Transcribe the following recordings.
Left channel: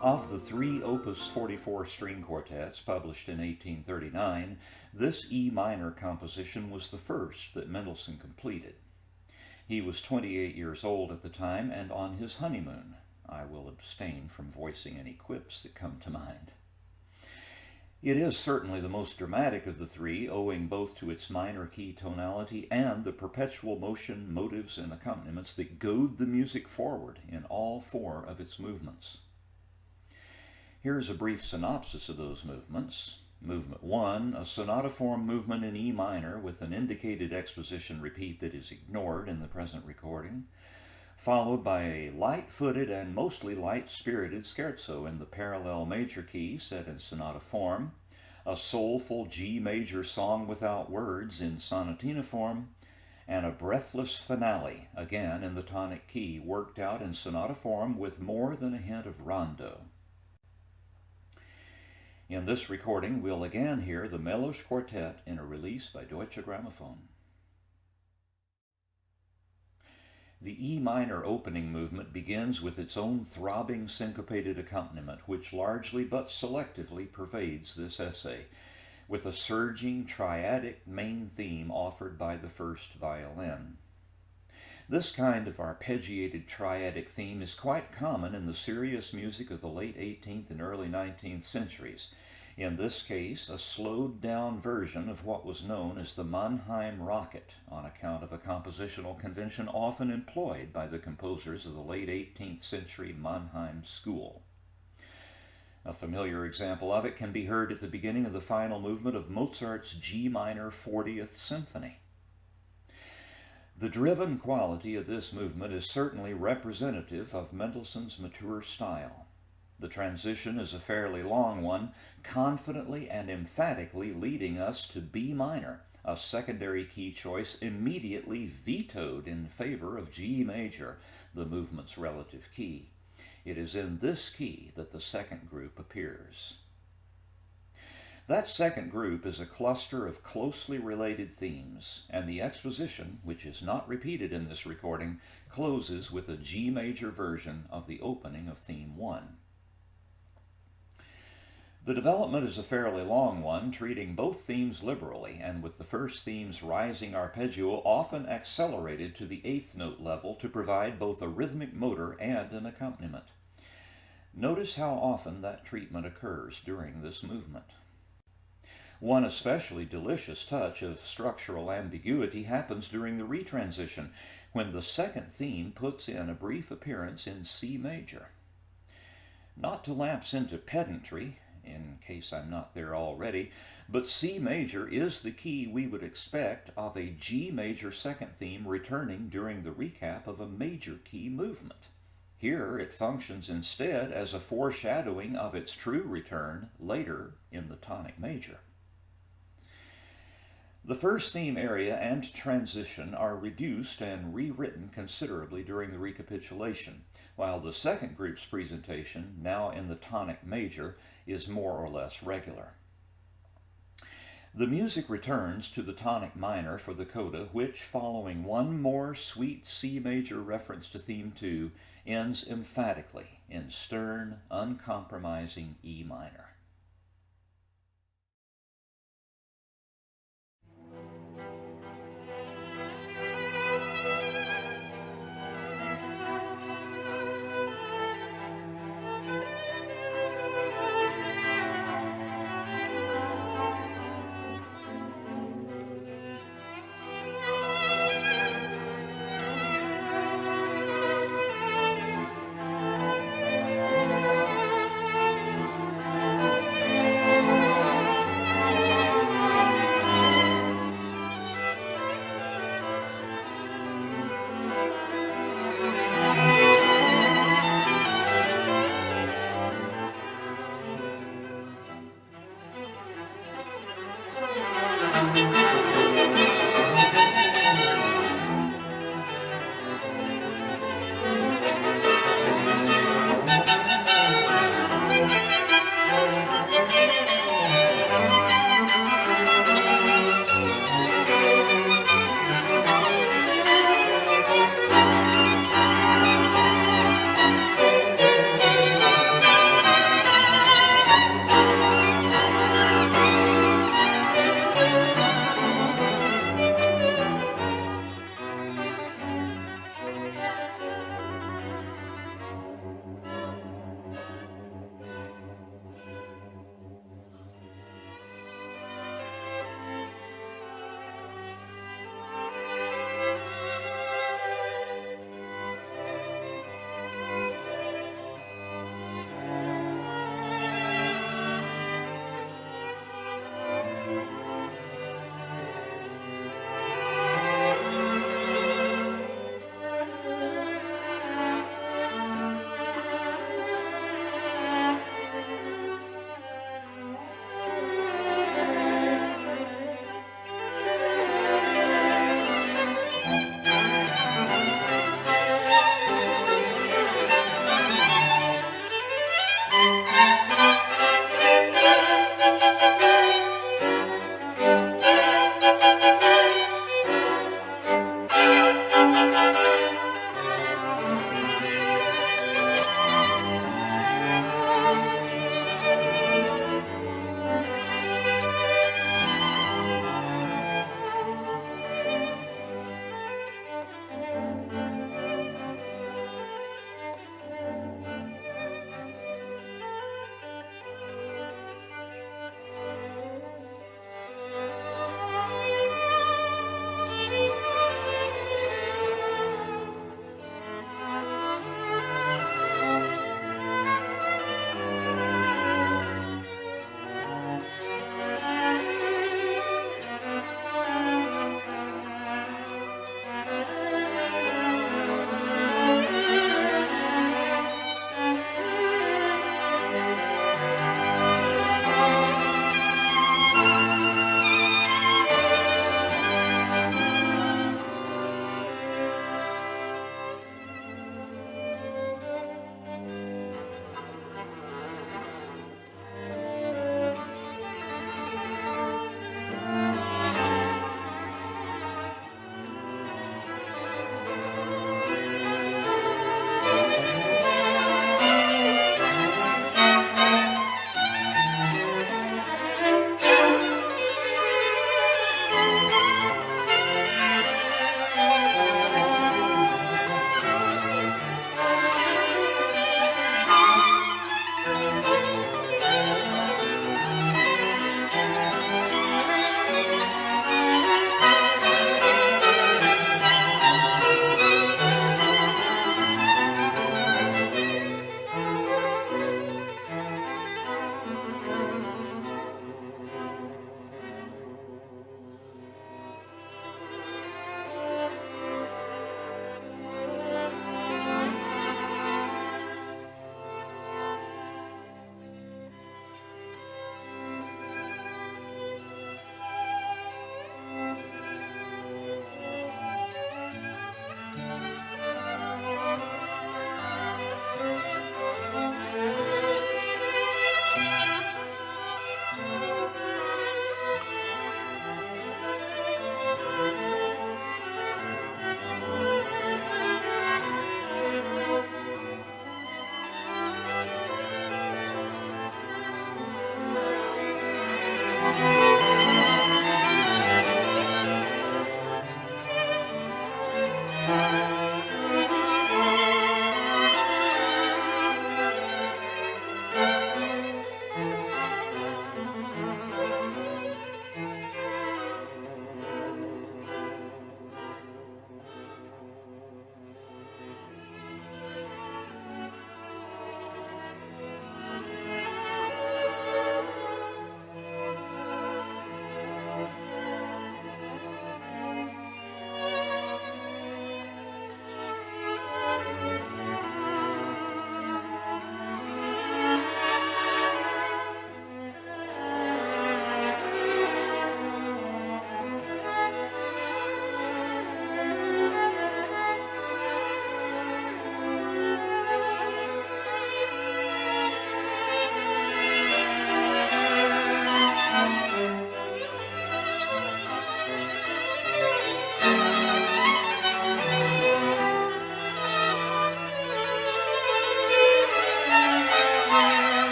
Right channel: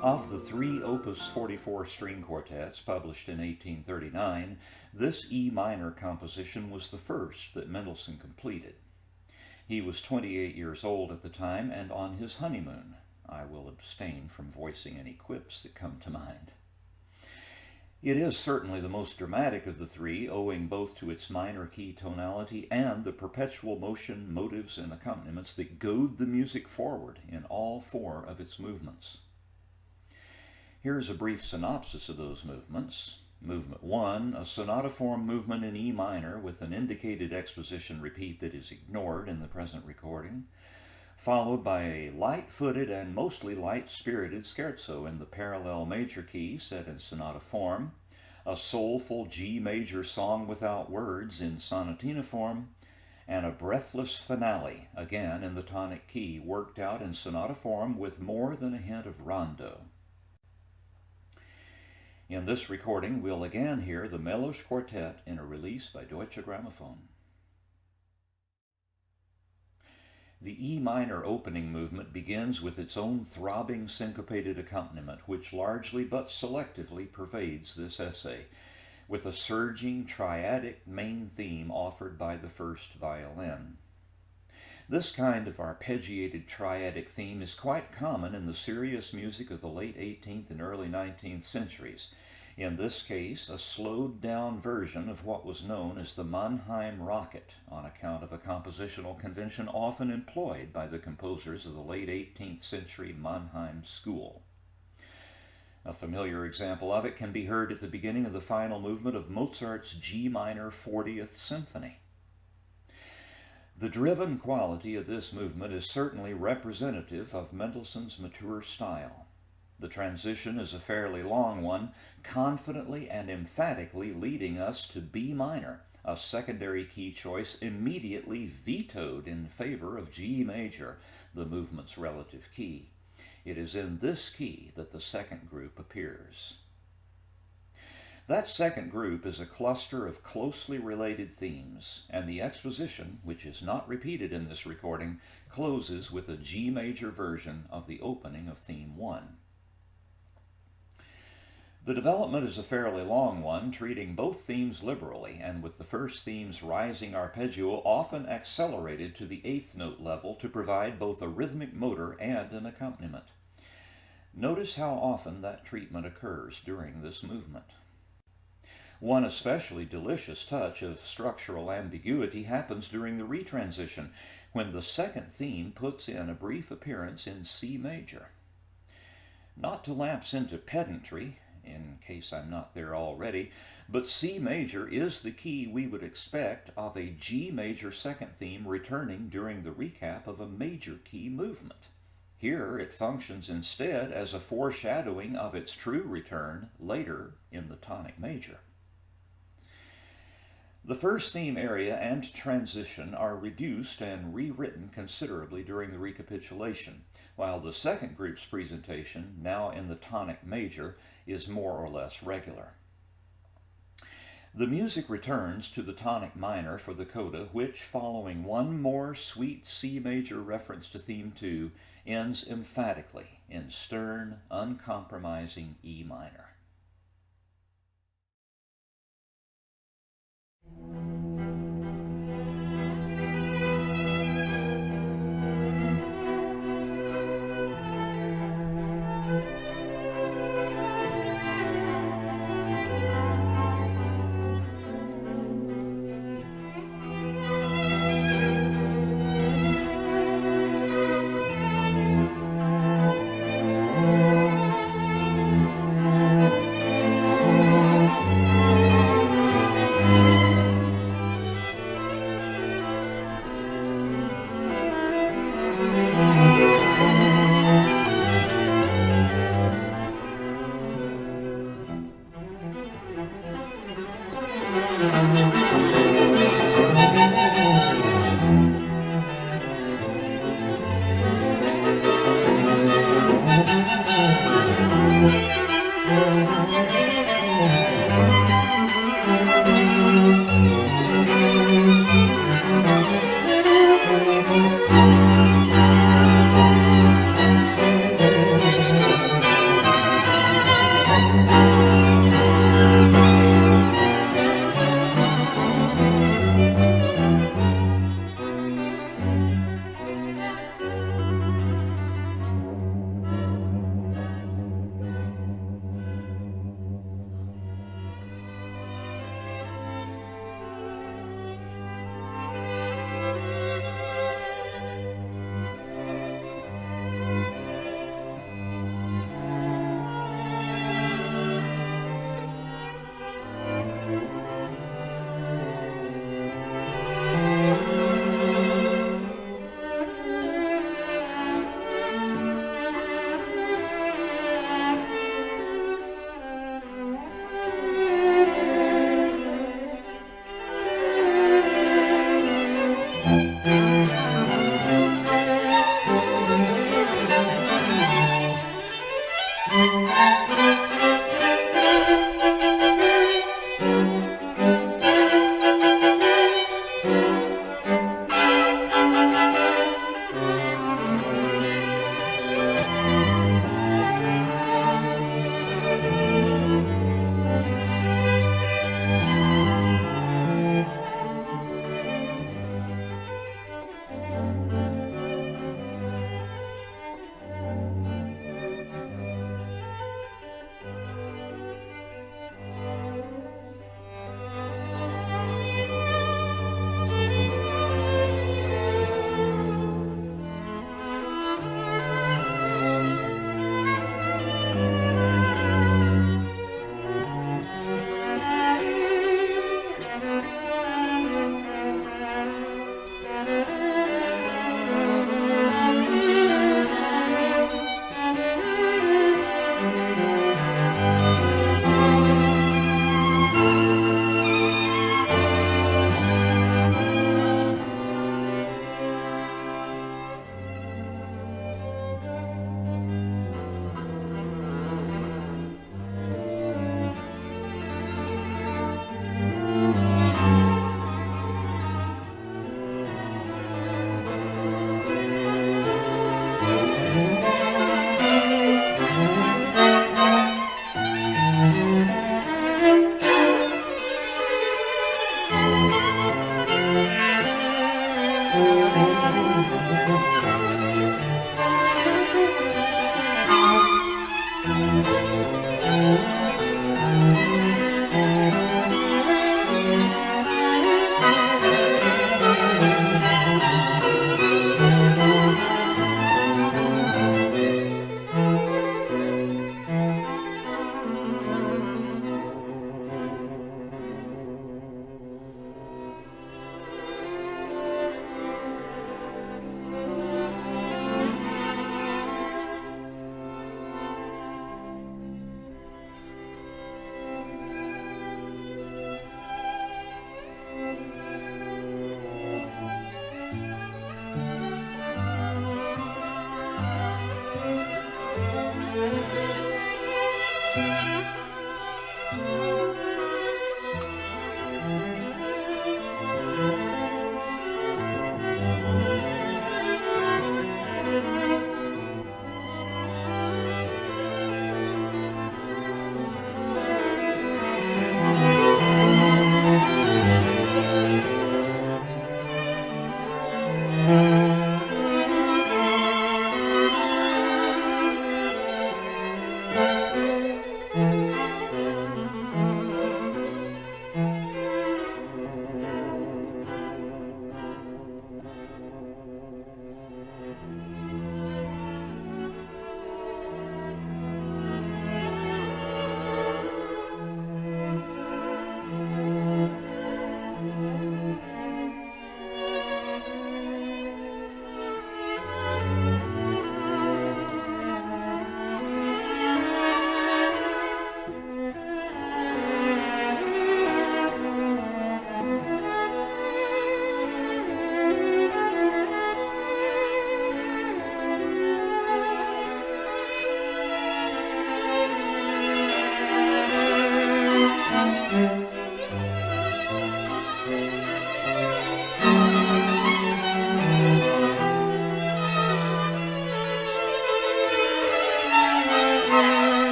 Of the three Opus 44 string quartets published in 1839, this E minor composition was the first that Mendelssohn completed. He was 28 years old at the time and on his honeymoon. I will abstain from voicing any quips that come to mind. It is certainly the most dramatic of the three, owing both to its minor key tonality and the perpetual motion, motives, and accompaniments that goad the music forward in all four of its movements. Here's a brief synopsis of those movements. Movement 1, a sonata form movement in E minor with an indicated exposition repeat that is ignored in the present recording, followed by a light-footed and mostly light-spirited scherzo in the parallel major key set in sonata form, a soulful G major song without words in sonatina form, and a breathless finale, again in the tonic key, worked out in sonata form with more than a hint of rondo. In this recording, we'll again hear the Melos Quartet in a release by Deutsche Grammophon. The E minor opening movement begins with its own throbbing syncopated accompaniment, which largely but selectively pervades this essay, with a surging triadic main theme offered by the first violin. This kind of arpeggiated triadic theme is quite common in the serious music of the late 18th and early 19th centuries. In this case, a slowed-down version of what was known as the Mannheim Rocket, on account of a compositional convention often employed by the composers of the late 18th century Mannheim school. A familiar example of it can be heard at the beginning of the final movement of Mozart's G minor 40th Symphony. The driven quality of this movement is certainly representative of Mendelssohn's mature style. The transition is a fairly long one, confidently and emphatically leading us to B minor, a secondary key choice immediately vetoed in favor of G major, the movement's relative key. It is in this key that the second group appears. That second group is a cluster of closely related themes, and the exposition, which is not repeated in this recording, closes with a G major version of the opening of theme 1. The development is a fairly long one, treating both themes liberally, and with the first theme's rising arpeggio often accelerated to the 8th note level to provide both a rhythmic motor and an accompaniment. Notice how often that treatment occurs during this movement. One especially delicious touch of structural ambiguity happens during the retransition, when the second theme puts in a brief appearance in C major. Not to lapse into pedantry, in case I'm not there already, but C major is the key we would expect of a G major second theme returning during the recap of a major key movement. Here it functions instead as a foreshadowing of its true return later in the tonic major. The first theme area and transition are reduced and rewritten considerably during the recapitulation, while the second group's presentation, now in the tonic major, is more or less regular. The music returns to the tonic minor for the coda, which, following one more sweet C major reference to theme 2, ends emphatically in stern, uncompromising E minor.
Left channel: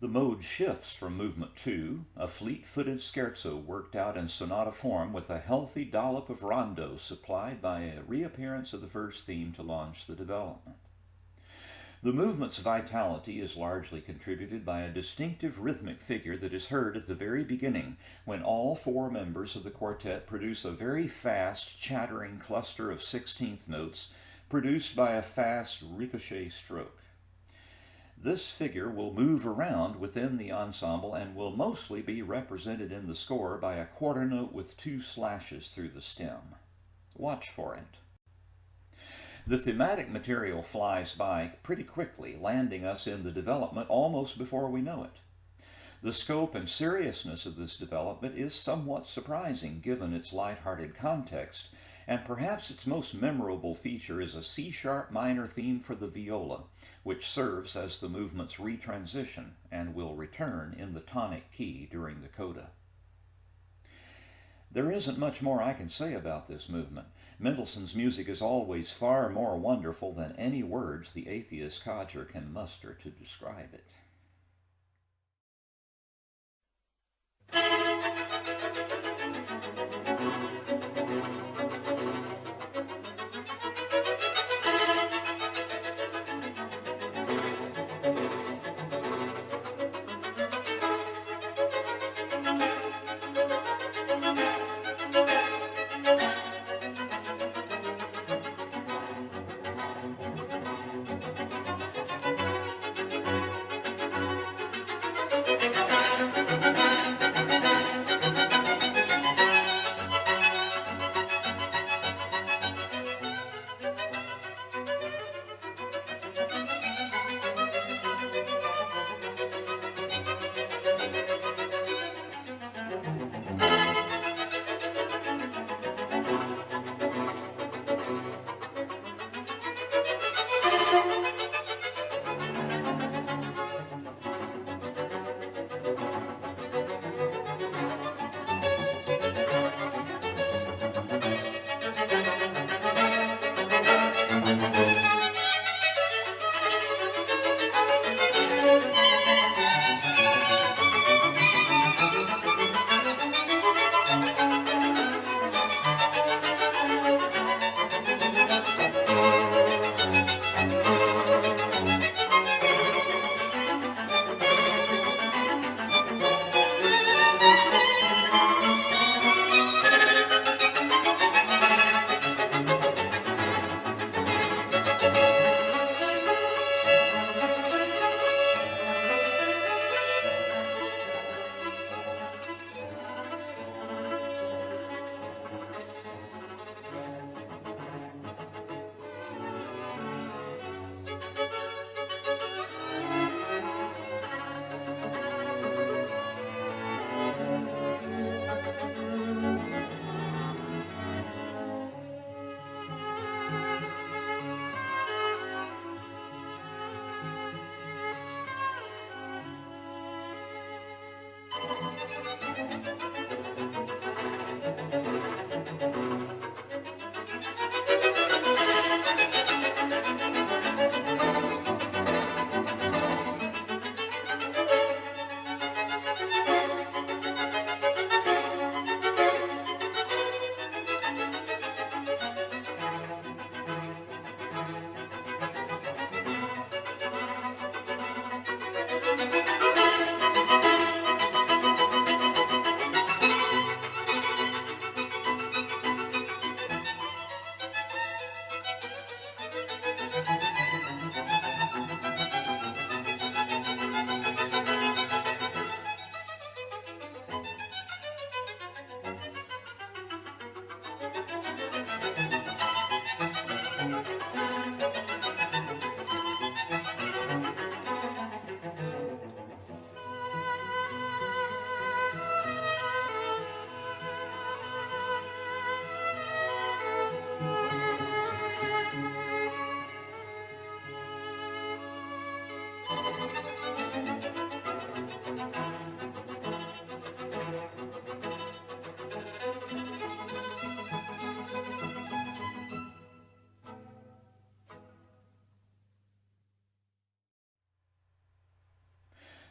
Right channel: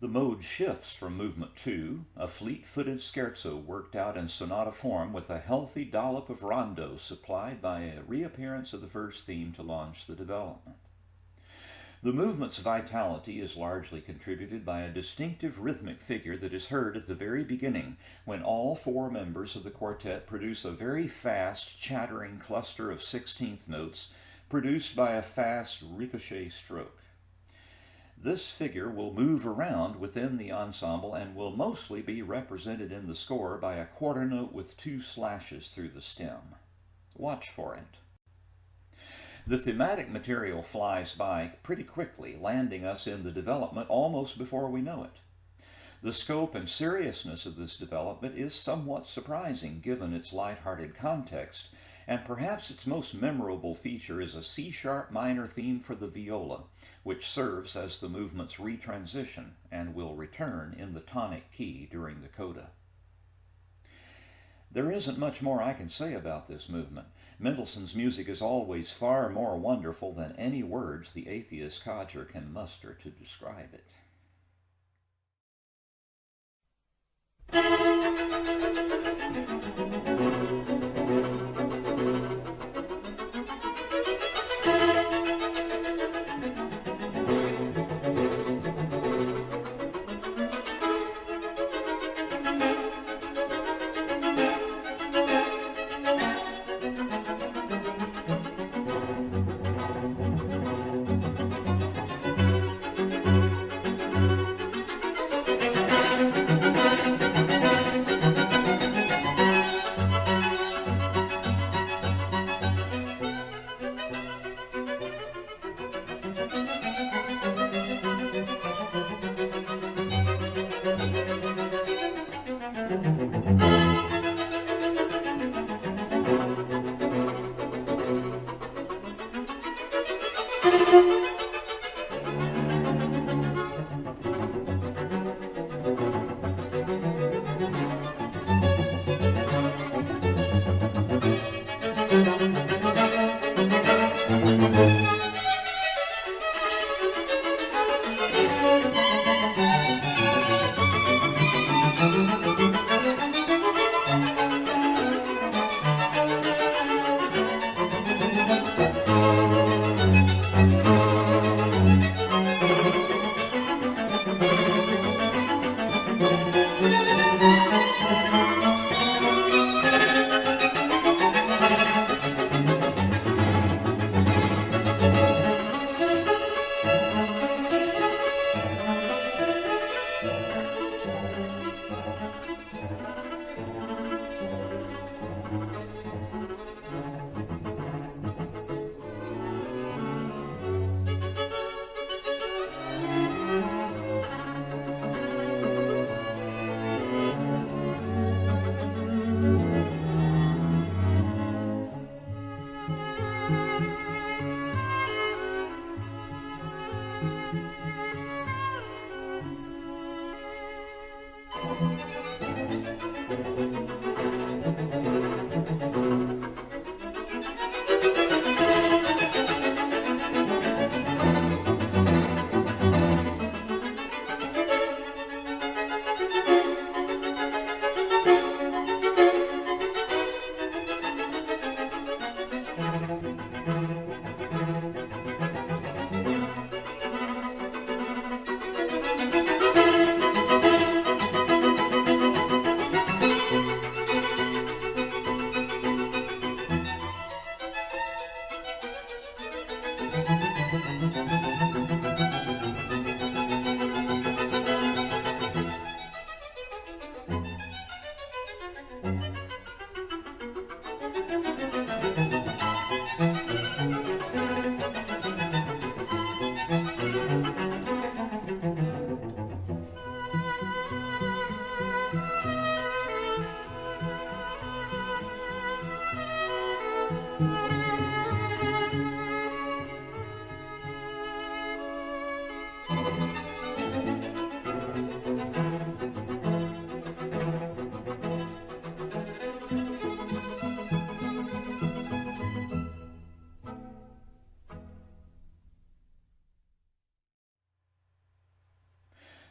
The mode shifts from movement 2, a fleet-footed scherzo worked out in sonata form with a healthy dollop of rondo supplied by a reappearance of the first theme to launch the development. The movement's vitality is largely contributed by a distinctive rhythmic figure that is heard at the very beginning, when all four members of the quartet produce a very fast, chattering cluster of 16th notes produced by a fast ricochet stroke. This figure will move around within the ensemble and will mostly be represented in the score by a quarter note with 2 slashes through the stem. Watch for it. The thematic material flies by pretty quickly, landing us in the development almost before we know it. The scope and seriousness of this development is somewhat surprising given its light-hearted context, and perhaps its most memorable feature is a C-sharp minor theme for the viola, which serves as the movement's retransition and will return in the tonic key during the coda. There isn't much more I can say about this movement. Mendelssohn's music is always far more wonderful than any words the atheist Codger can muster to describe it.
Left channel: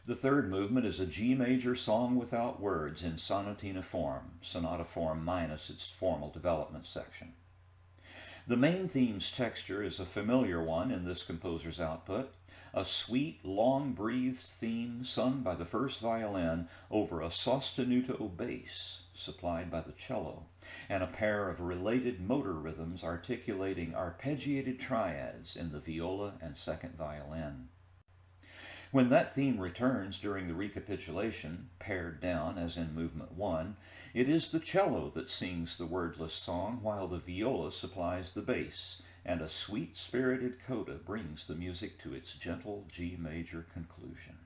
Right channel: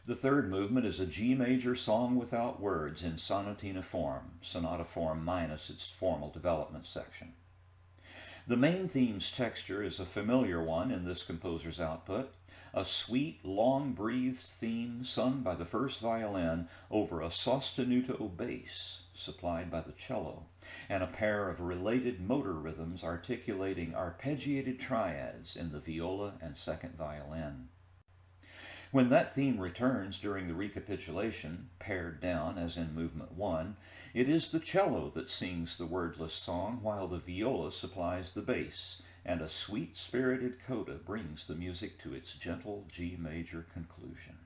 The third movement is a G major song without words in sonatina form, sonata form minus its formal development section. The main theme's texture is a familiar one in this composer's output, a sweet, long-breathed theme sung by the first violin over a sostenuto bass supplied by the cello, and a pair of related motor rhythms articulating arpeggiated triads in the viola and second violin. When that theme returns during the recapitulation, pared down as in movement 1, it is the cello that sings the wordless song while the viola supplies the bass, and a sweet-spirited coda brings the music to its gentle G major conclusion.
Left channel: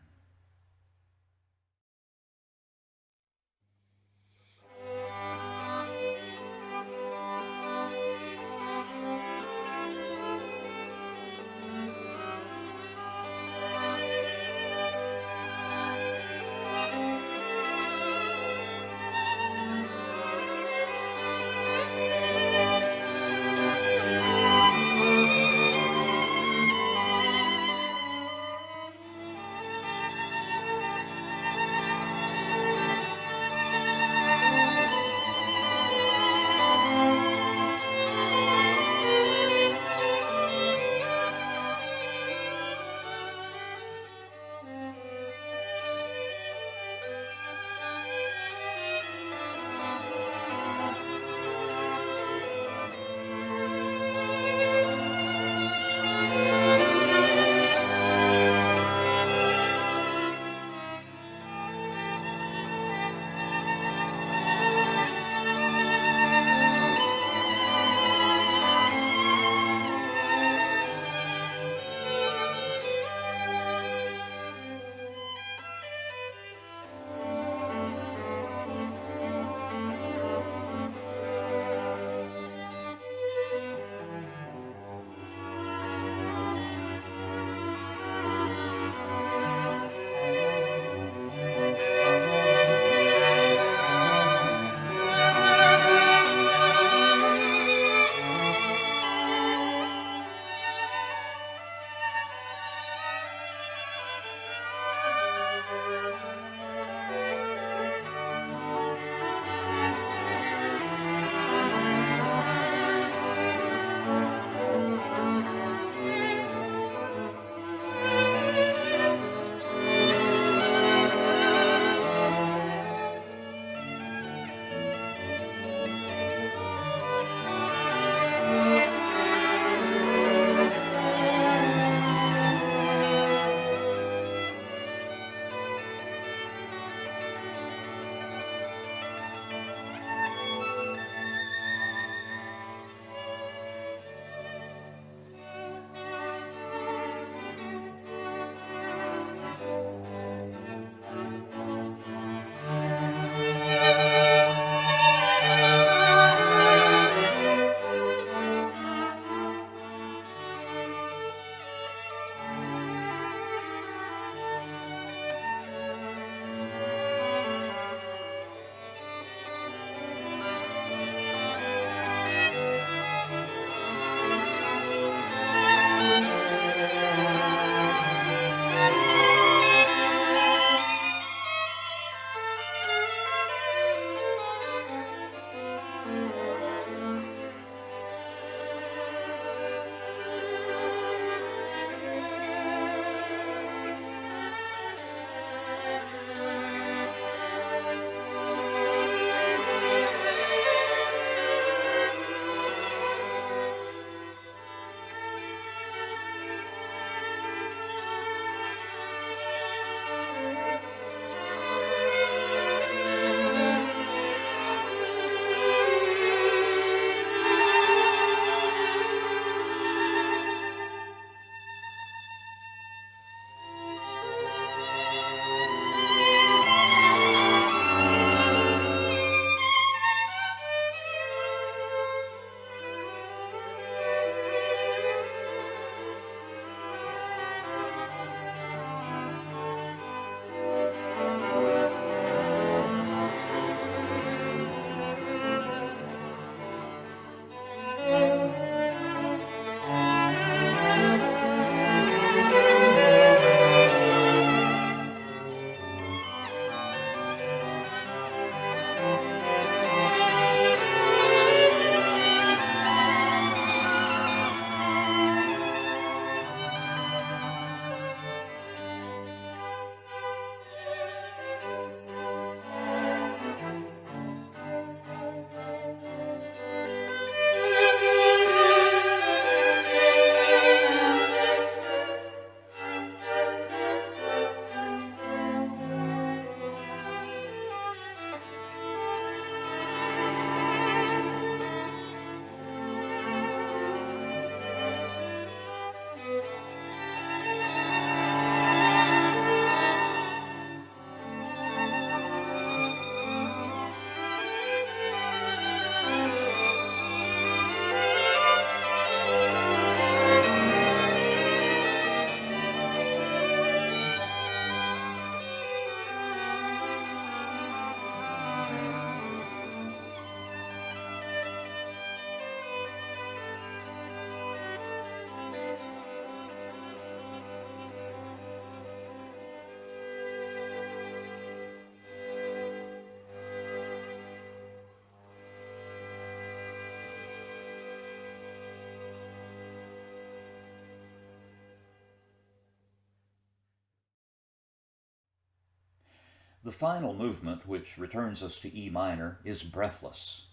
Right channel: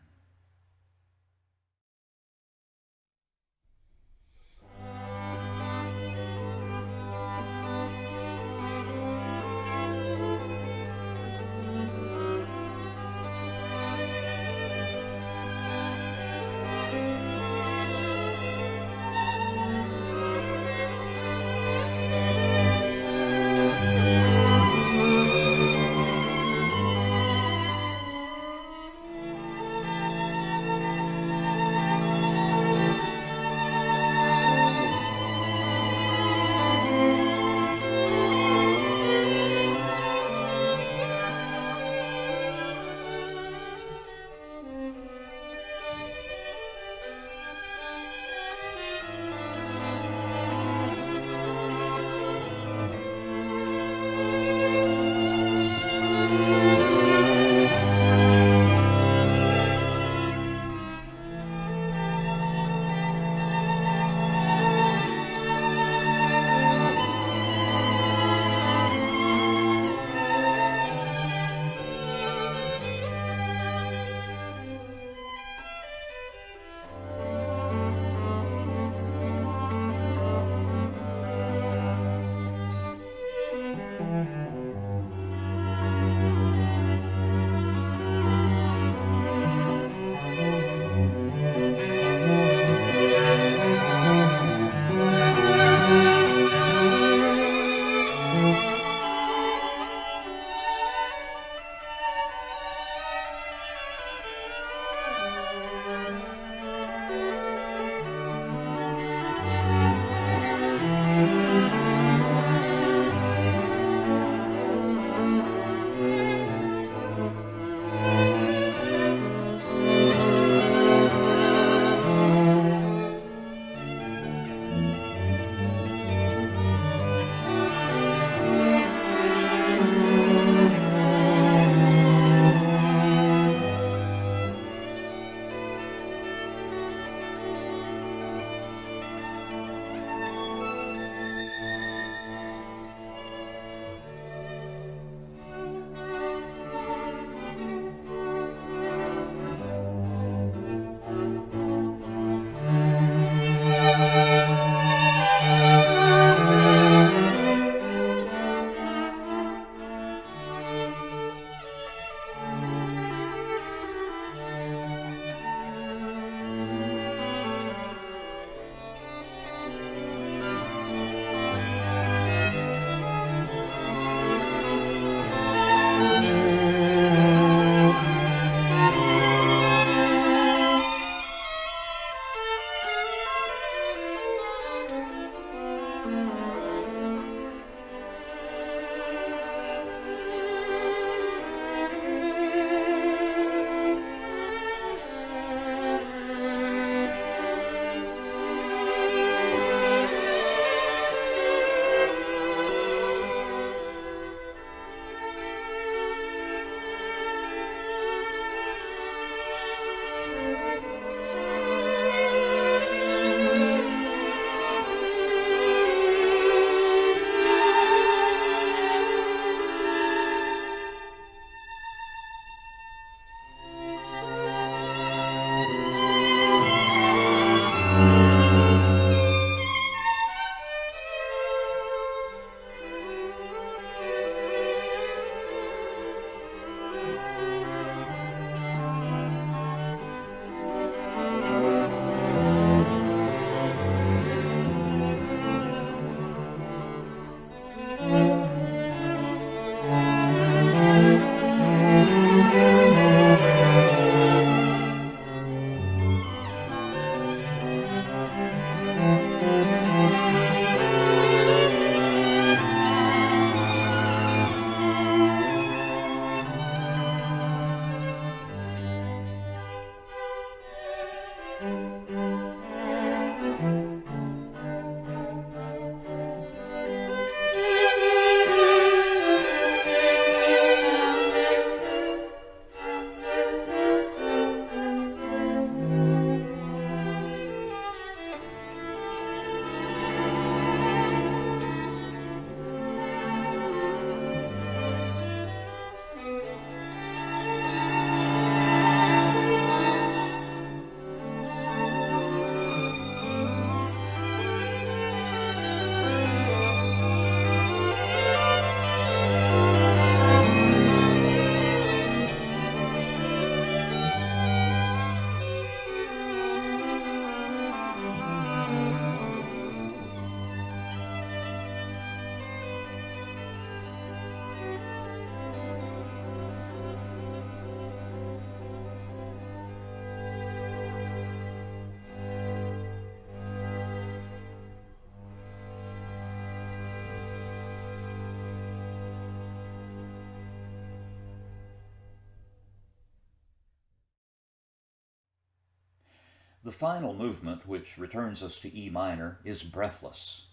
The final movement, which returns us to E minor, is breathless.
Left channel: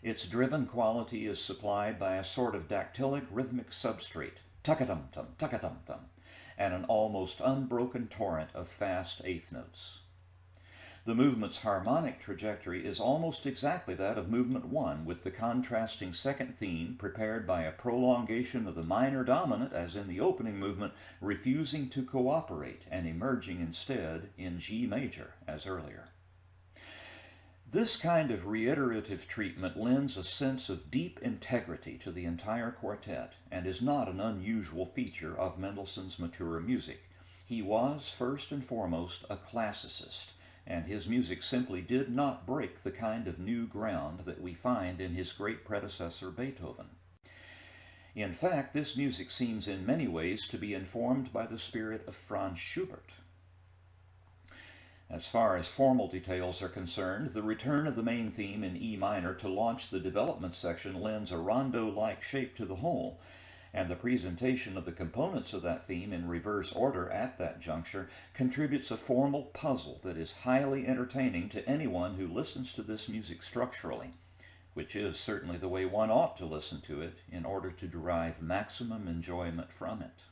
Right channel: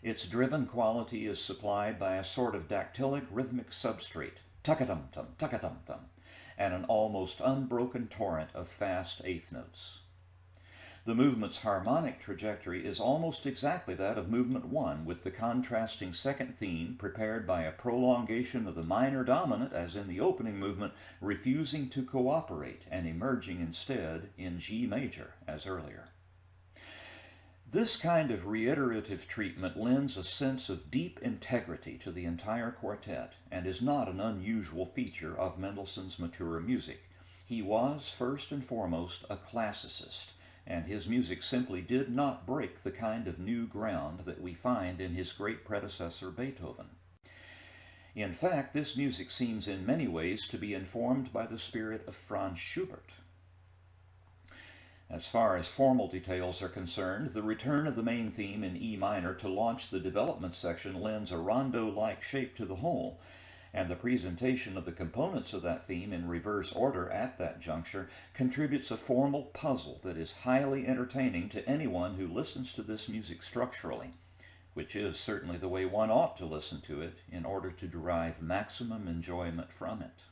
Its driven quality is supplied by a sort of dactylic rhythmic substrate, tuck-a-tum-tum, and an almost unbroken torrent of fast eighth notes. The movement's harmonic trajectory is almost exactly that of movement 1, with the contrasting second theme prepared by a prolongation of the minor dominant, as in the opening movement, refusing to cooperate and emerging instead in G major, as earlier. This kind of reiterative treatment lends a sense of deep integrity to the entire quartet and is not an unusual feature of Mendelssohn's mature music. He was, first and foremost, a classicist, and his music simply did not break the kind of new ground that we find in his great predecessor Beethoven. In fact, this music seems in many ways to be informed by the spirit of Franz Schubert. As far as formal details are concerned, the return of the main theme in E minor to launch the development section lends a rondo-like shape to the whole, and the presentation of the components of that theme in reverse order at that juncture contributes a formal puzzle that is highly entertaining to anyone who listens to this music structurally, which is certainly the way one ought to listen to it in order to derive maximum enjoyment from it.